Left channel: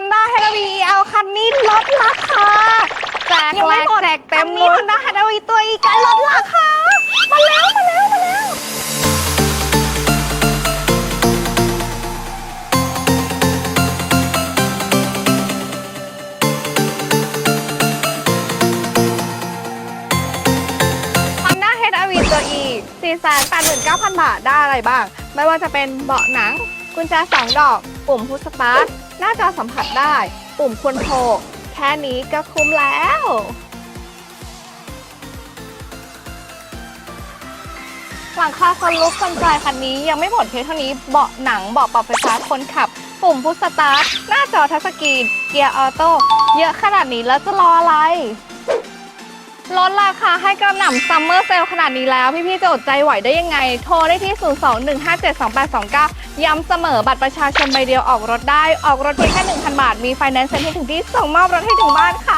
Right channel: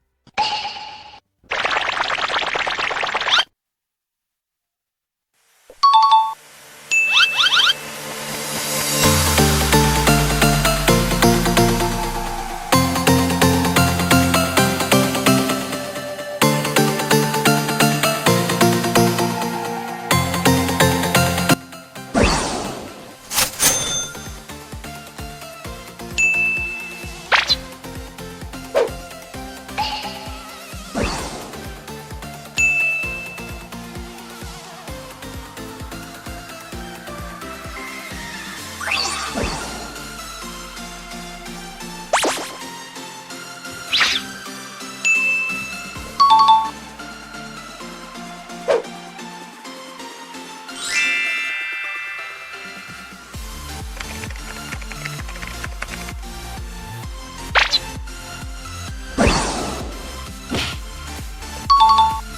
Honda h a v i เอาคันนี้ลดราคาแจกยังแลไม่กหมดแจกเต็มคันนี้รุ่น Honda h a v i ตัวอีกการลดราคามาแล้วมาแล้วมาแล้ว Honda h r v ตัว E 489,000 บาทได้อะไรบ้าง ไม่ว่าจะเป็นเบาะหนัง กุญแจสองดอก ปุ่มพุชสตาร์ทหน้าจอสัมผัสได้ ปุ่มคอนโทรแค่นี้ก็คุ้มแล้วหลังคาคนลุกคนปลายคันนี้ยังไม่หมดเพียงเท่านี้เบาะหนังเบาะปรับไฟฟ้าคนขับ ปุ่มพุชสตาร์ทหน้าจอทัชสกรีนเกียร์ออโต้เยอะขนาดนี้แล้วจะรออะไร ลดราคาให้กระหน่ำซัมเมอร์เซลขนาดนี้แล้ว พี่ๆจะอดใจไหวได้ยังไง โทรได้ที่ 021572829 ย้ำเสมอบัตรประชาชนใบเดียวออกรถได้ ออกรถได้แค่1,000 บาท มีไฟแนนซ์เซ็นให้ถึงที่ส่งมอบรถให้ถึงบ้านค่ะ